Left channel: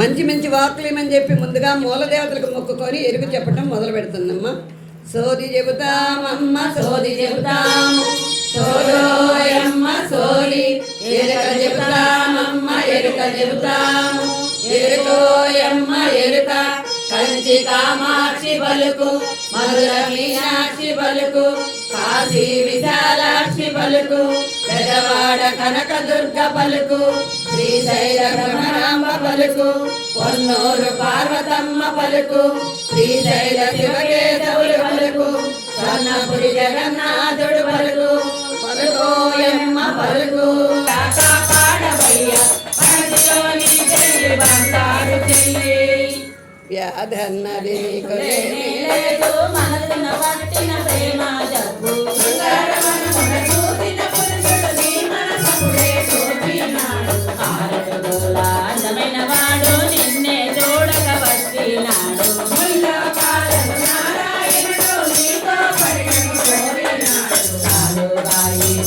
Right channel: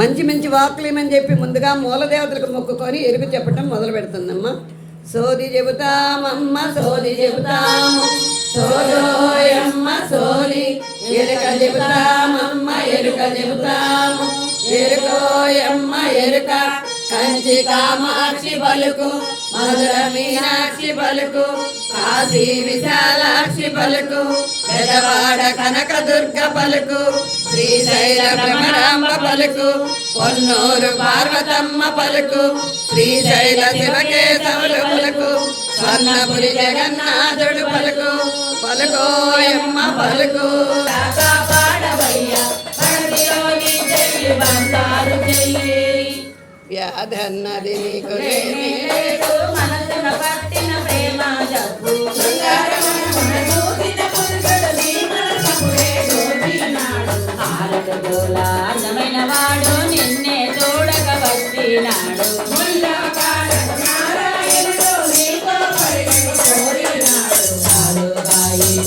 మంచి మంచి వాక్కులు ఏమని చెప్పి ముందుగా మూలదేవతలకు మొక్కుకొని ఎరుగు చెప్పటం మొదలు పెడుతుందమ్మా. సోది చెబుతామమ్మ సోది చెబుతాము, సోదోయమ్మ సోది, ఎరుక చెబుతామమ్మ ఎరుక చెబుతాము, ఎరుకోయమ్మ ఎరుక. కంచి కామాక్షి పలుకు, మధుర మీనాక్షి పలుకు, కాశీ విశాలాక్షి పలుకు, పెదవాడ కనక దుర్గ పలుకు, శ్రీశైల భ్రమరాంబ పలుకు, పొన్నూరు పార్వతమ్మ పలుకు, శ్రీశైల శివకేశవులు పలుకు, స్వర్ణపురి జగన్నాథుడు పలుకు, పలుకోయమ్మ పలుకు. వ్యాధన్నది నీకు అందమైన వాడు నిన్నే చూడక వచ్చినాడు,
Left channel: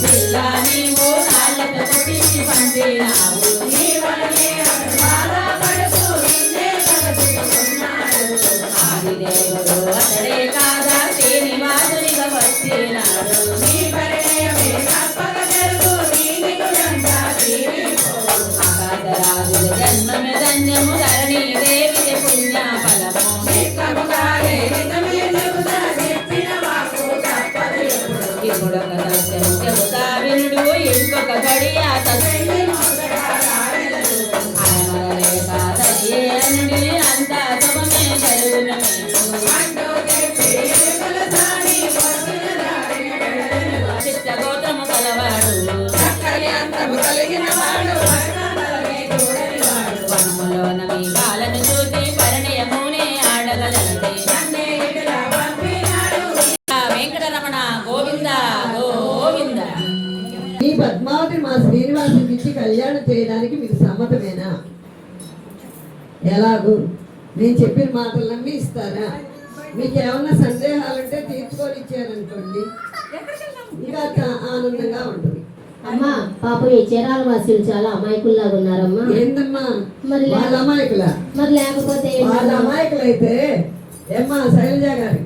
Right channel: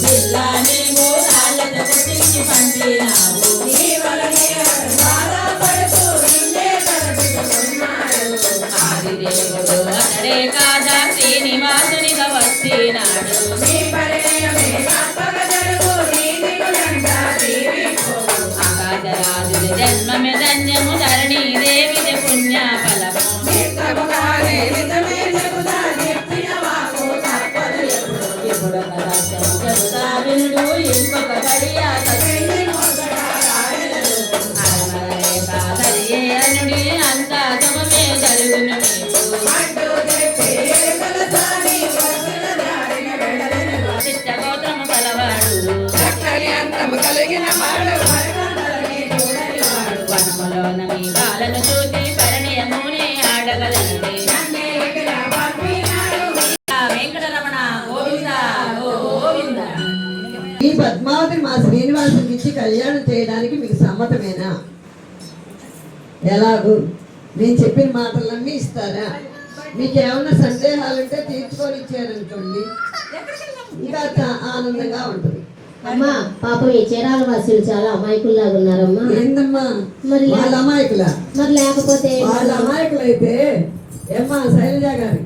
జిల్లా నీవు కాళ్ళతో తీసి పంపినావు, అతడే కాదా శ్రీనివాసునిగా వచ్చినాడు, ఆకాశరాజుల జన్మమి ధన్యము, ధరణి దేవిది పుణ్య ఫలము, ఇప్పుడు సత్యము చెబుతా వినుడు, ఇంకొక గడియ అనుడి అంత శుభమే జరుగును చిత్తగోత్రము కలవాడు, చక్కని అందము కలిగిన వాడు, వనములోన మీ బాలను చూసి పరిణయముని ఆడగలండి, వెంకటరమణ గోవింద గోవింద. ఈ పద్మావతిని మా శ్రీనివాసునికి ఇచ్చి కళ్యాణం చేయడానికి మీకు సమ్మతమేనా? ఎలాగూ నేను చెప్పిన మాటలన్నీ ఇస్తారా? మీకు ఏమన్నా సందేహాలుంటే తీర్చుకొని ఇచ్చారనుకోండి, ఇంకా ఆనందంగా ఉంటుంది. అమ్మా పాపం ఈ చీరాల వాసులు చాలా అమాయకుల్లాగా ఉన్నారమ్మా. ఏందమ్మా మరి వాళ్ళ అమాయకుల? మరి లేకపోతే వాళ్ళ అమాయకులు అయితే ఏమ్మా శైలజ గారు,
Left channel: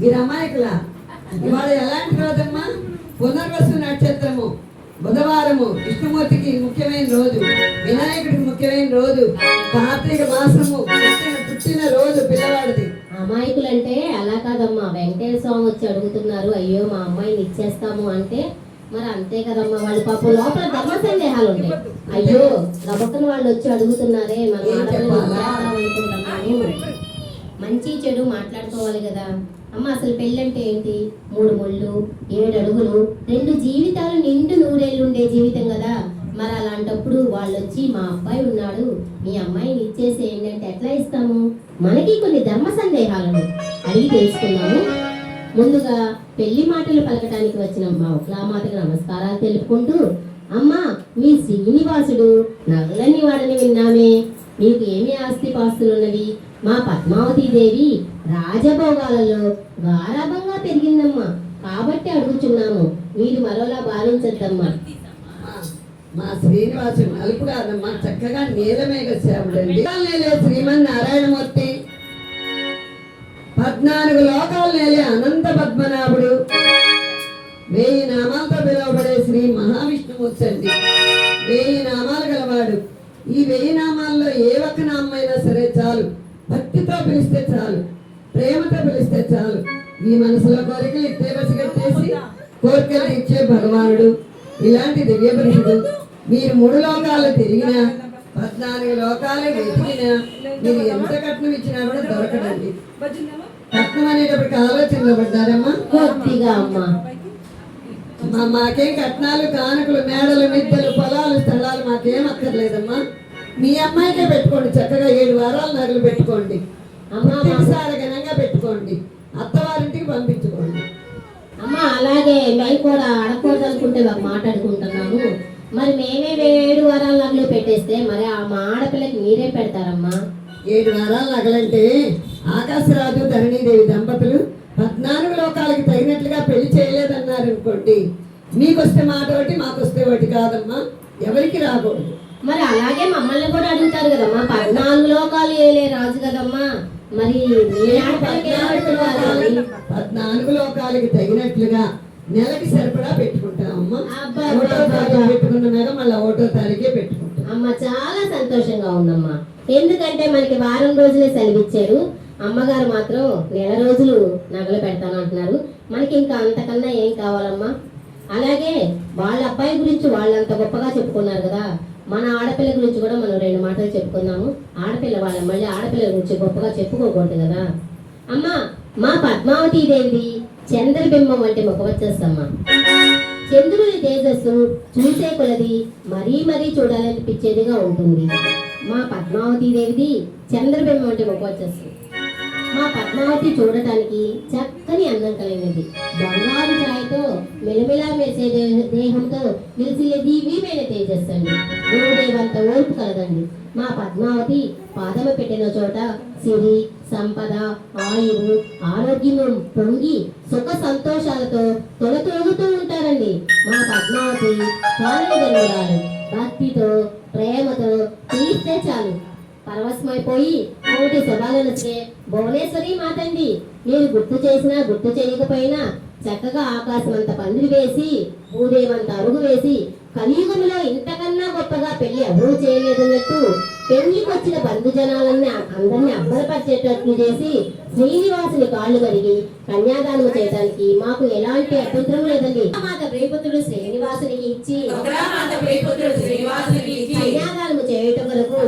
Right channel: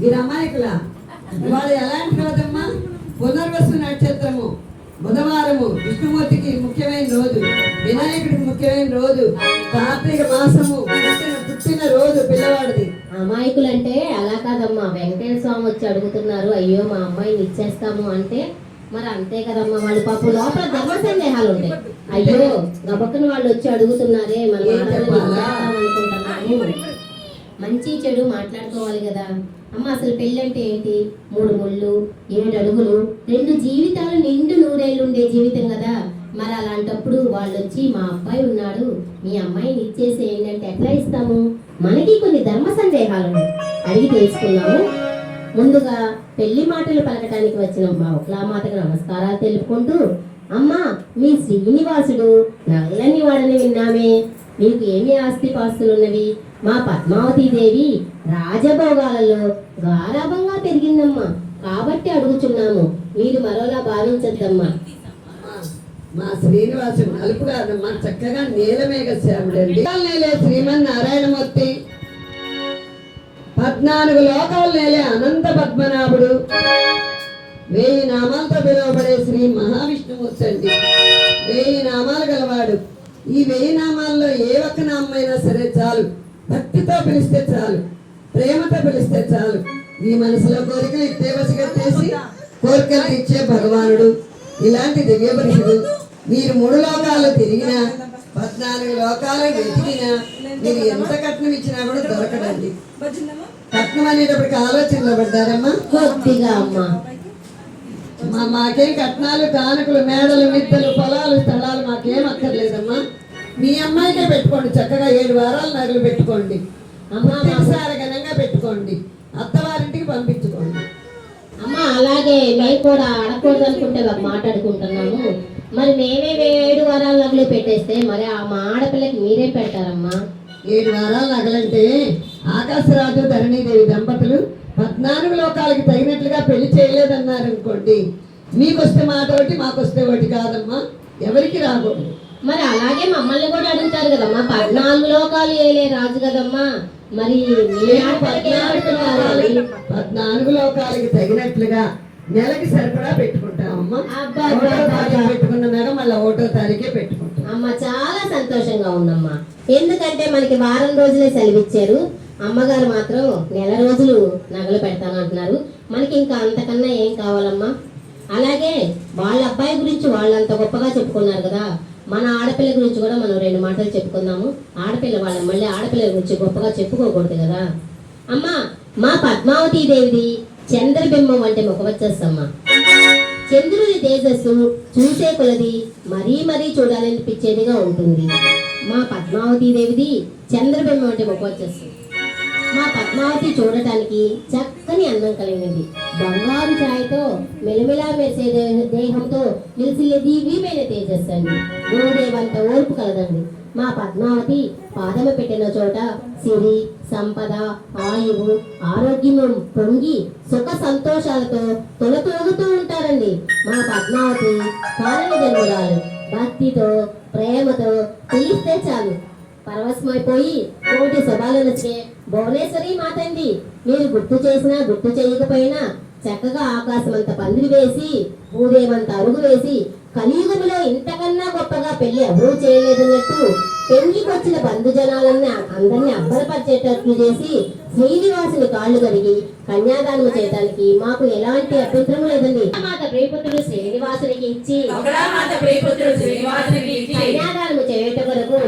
మీరు అమాయకుల? ఇవాళ ఎలాంటి రోజమ్మా? పునర్వసు నక్షత్రము, బుధవారము, విష్ణుమూర్తికి ముఖ్యమైన రోజు, వినాయకుడికి ముఖ్యమైన రోజు, కార్తీక మాసము పుట్టిన రోజు పిల్లవాడిది. అమాయకులంటే అలా కాదమ్మా, వెంకటేశ్వర స్వామి వచ్చి అడుగుతున్నారు, అయ్యో మా అమ్మాయిని ఇచ్చేస్తాము అంటే మరి అంతే కదమ్మా. వాళ్ళు పాపం లోపల ధర్మ సందేహాలు ఉంటాయి. అయ్యో గబక్కన వాళ్ళు వచ్చి అడుగుతున్నారే, మనం అనుకుంటున్నాము. మంచి చెడు మాట్లాడుకోవాలి కదా అమ్మ. అసలు పెళ్ళంటే ఏంటి? 3 ముళ్ళు 7 అడుగులు 2 జీవితాలు నిండు 100 ఏళ్ళు ఉండే జీవితం కదా. మరి అలాంటప్పుడు వాళ్ళు వచ్చి మా అబ్బాయి ఉన్నాడు, మీ అమ్మాయిని ఇచ్చేసేయండి అంటే ఎట్లా ఇస్తాము? మనకి కొన్ని ధర్మ సందేహాలను అడిగి తెలుసుకున్నాము. ముందుగా పెళ్లి మాటలు పలకటానికి వచ్చిన మా ఉక్లామాతకు నమస్కారాలు తెలుపుకుంటూ, అమ్మా మీ శ్రీనివాసుడు నల్లని వాడని విన్నామే, మీకు ఏమి ఆస్తి పాస్తులున్నవి? మా పద్మావతి దేవి రాజభోగాలలో గారాభంగా పెరిగిందమ్మా, కాబట్టి అడుగుచున్నాము, మీరు మరోలా భావించద్దమ్మా. మా శ్రీనివాసుడు నలుపు కాదమ్మా, చక్కగా నీలమేఘ శ్యాముడండి. నేలే శ్రీమన్నారాయణమూర్తి, 14 లోకాలు నేలే అనంత పద్మనాభుడు, 1000 నామాలతో పిలువబడే శ్రీ మహావిష్ణుమూర్తి అండి. 1000 నామాలు గలవాడు. ఈ 1000 నామాల్లో ఏ ఒక్క నామైనా సరే చాలు, భక్తితో పిలిస్తే చాలు, ప్రేమతో పిలిస్తే చాలు. మీ మనసులో కోరికలు ఇట్టే పసిగట్టేసి కోరికలు ఇచ్చే భగవానుడు. ఇలాంటి దివ్య పురుషుడు మీరు 3 లోకాలు తిరిగినా, 14 లోకాలు వెతికినా, మీరు ఎంత కట్నం ఇచ్చినా కూడా దొరకడండి. కట్నం అనేటప్పటికి ఆలోచనలో పడ్డారమ్మా? కొద్దిగా అమ్మా. మాకేం కట్నాలు కానుకలు మేడలు మిద్దెలు పొలాలు స్థలాలు మాకేం అక్కర్లేదమ్మా. మీ అమ్మాయికే పెట్టుకోండి, చక్కగా 7 వారాలు నగలు పెట్టుకోండి, అమ్మసారి ఘనంగా పెట్టుకోండి, అత్తవారింటికి పంపించుకోండి. అమ్మ అలాగే మేము కూడా అడగకూడదు అనుకుంటే మాట్లాడుకుంటున్నాము. మరి మేమే 7 వారాల నగలు పెట్టేస్తే మరి మా ఆడపిల్లకి మీరే పెడతారమ్మా? 7 వారాల నగలంటే ఆకాశరాజు ధరణీదేవి దంపతులు 14 లోకాలకి తగినట్లుగా పెళ్లి చేయలేదన్నారు అనుకోండి, మీకొస్తే మాట ఒకటి మాకొస్తే ఒకటి కాదమ్మా. ఎవరికి రాకూడదు. మరి అలాగే మమ్మల్ని కూడా అడుగుతారు కదమ్మా, 14 లోకాలు ఏలే రాజు కదమ్మా, మరి మీ ఆడపిల్లకి ఏం అడుగుతున్నారు? 14 లోకాలకి తగినట్లుగా నెలకి సరిపడా పెట్టుకుంటామమ్మా. అబ్బా, ఒకటో తారీఖు పెట్టుకున్న మేఘ మళ్ళీ ఒకటో తారీఖే పెట్టుకుంటాం. అమ్మ చాలా సంతోషంగా ఉందమ్మా, ఎందుకంటే మనకి వారం రోజులే సెలవిచ్చారు. అమ్మగారు మాత్రం నెల రోజులు నగలు పెడతామంటున్నారు. మనకి ఇంకా అంతకన్నా ఏం కావాలమ్మా? అలాగే వాళ్ళ అబ్బాయి గురించి వాళ్ళంత గొప్పగా చెప్పుకున్నారు కదా, మన ఆడపిల్ల గురించి కూడా మనం 2 మాటలు చెప్పుకుందాము. ఆడపిల్ల వాళ్ళని మళ్ళీ ఆడపిల్లల గురించి గొప్పగా చెప్పుకోకూడదు కదా అమ్మా. మా పద్మావతి దేవిది చంద్రబింబం వంటి ముఖవచ్చమ్మా. చంద్రుడి తేజస్సు చూసే కొలది మరీ మరీ చూడాలనిపించేదిగా ఉంటుంది. మా పద్మావతి దేవిది చంద్రబింబం వంటి ముఖవచ్చస్సు. మా పద్మావతి చూడటానికి చక్కని అందం కలిగినది. బంగారు ఛాయతో మెలమెలా మెరిసే దేహంతో నిలిచిలే దివ్యమైన తేజస్సు అండి. గోడేవంత ఓర్పు కలదండి. మా పద్మావతి పాదము పెట్టిన చోట సిరి, సంపద, ఆయువు, ఆరోగ్యము పొంగి సుఖ సంతోషాలతో తొలతొలుగుతూ ఉంటారండి. మా పద్మావతి కారణ జన్మరాలు. భక్తితో ప్రేమతో పిలిస్తే చాలు పరవశమైపోయి కోటి శుభాలనొచ్చే భువనేశ్వరి మాతండి. మీరు గుర్తు చేసినా గుర్తు చేయకపోయినా చక్కగా ఆకాశం అంత పందిరి వేసి భూదేవంత అరుగు వేసి కలియుగంలో ఇంతకన్నా గొప్పగా పెళ్లి ఎవరూ చేయలేదన్నట్టు పెళ్లికొచ్చిన బంధుజనాలన్నీ అందరినీ అబ్బరపరిచేటట్లు చేసి శ్రీనివాసుని కాళ్ళు కడిగి కన్యాదానం చేయడానికి మాకు ఎలాంటి అభ్యంతరం లేదండి. మాత ప్రియపుత్రుడు శ్రీనివాసునికి ఇచ్చి కన్యాదానం చేయటం వరకు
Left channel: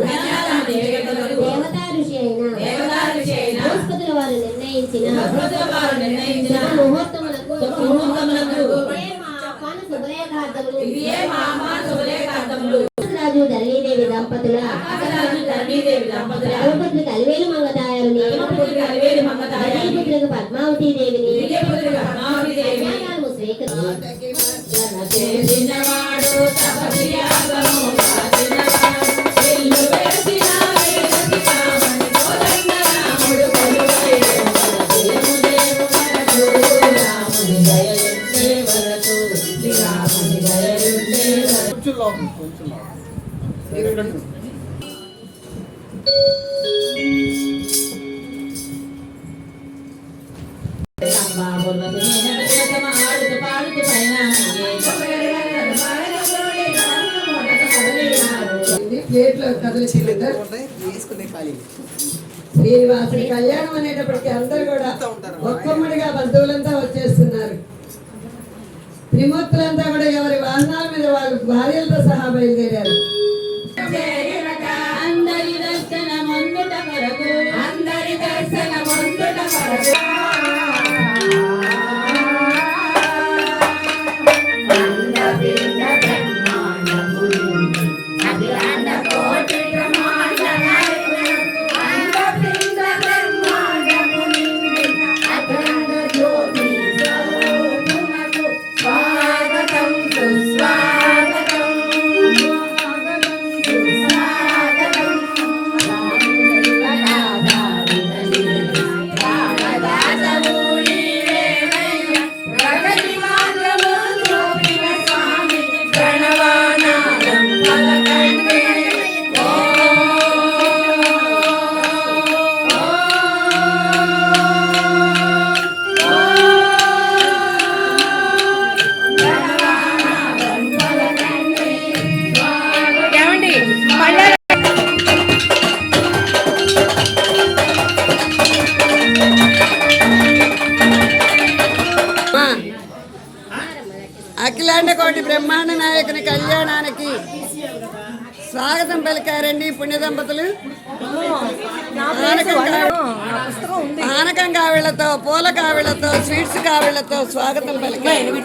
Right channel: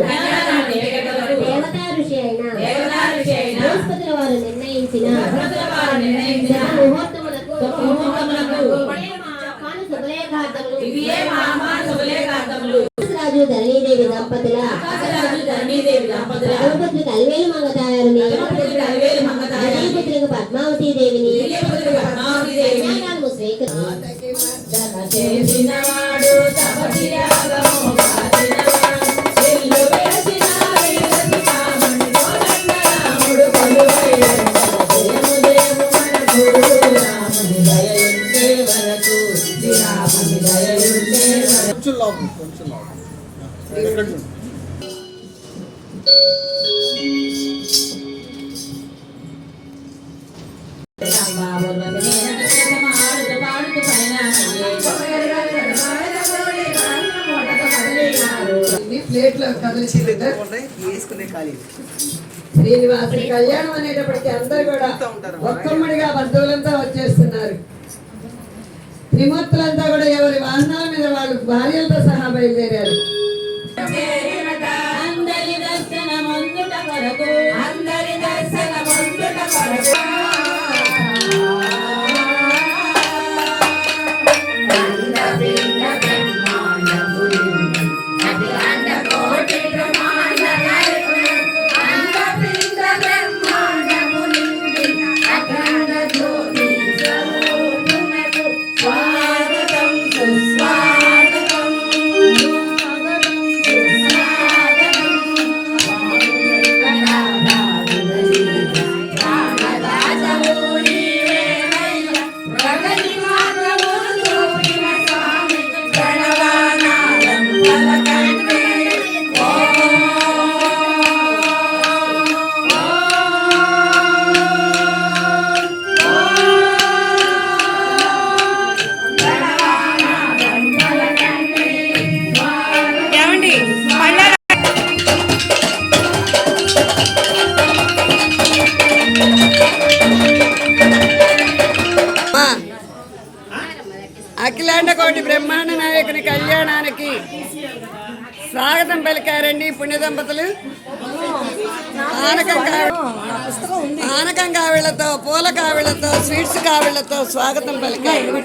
దేవతా ఋషి అయిన బృహస్పతుల వారు నిర్ణయించిన ముహూర్తములకు రాజు ధరణీదేవి దంపతుల ధర్మపుత్రులకు అలివేలు మంగతాయారుని ధరణీపుత్రులకు పద్మావతి దేవిని కన్యాదానము ప్లేట్లో కదిలించి శ్రీనివాసుని కళ్యాణం అనేటప్పటికీ అందరు కూడా ఒక్కమ్మడిగా బంధువులంతా వచ్చేస్తున్నారు. త్రిమూర్తులంతా కూడా ఎవరి వాహనాల మీద వాళ్ళు భార్యలతో సహా బయలుదేరారు. అందరి దర్శన ముందుట కొరకు అందరి దర్శన ముందుట కొరకు అఖిలాండ కోటి బ్రహ్మాండ నాయకుని కళ్యాణానికి స్వాగతం పలికారండి పుణ్య దంపతులు. పానకం కావిళ్లతో, పూల కావిళ్లతో, స్వీట్స్ కావిళ్లతో స్వాగతం పలికారు.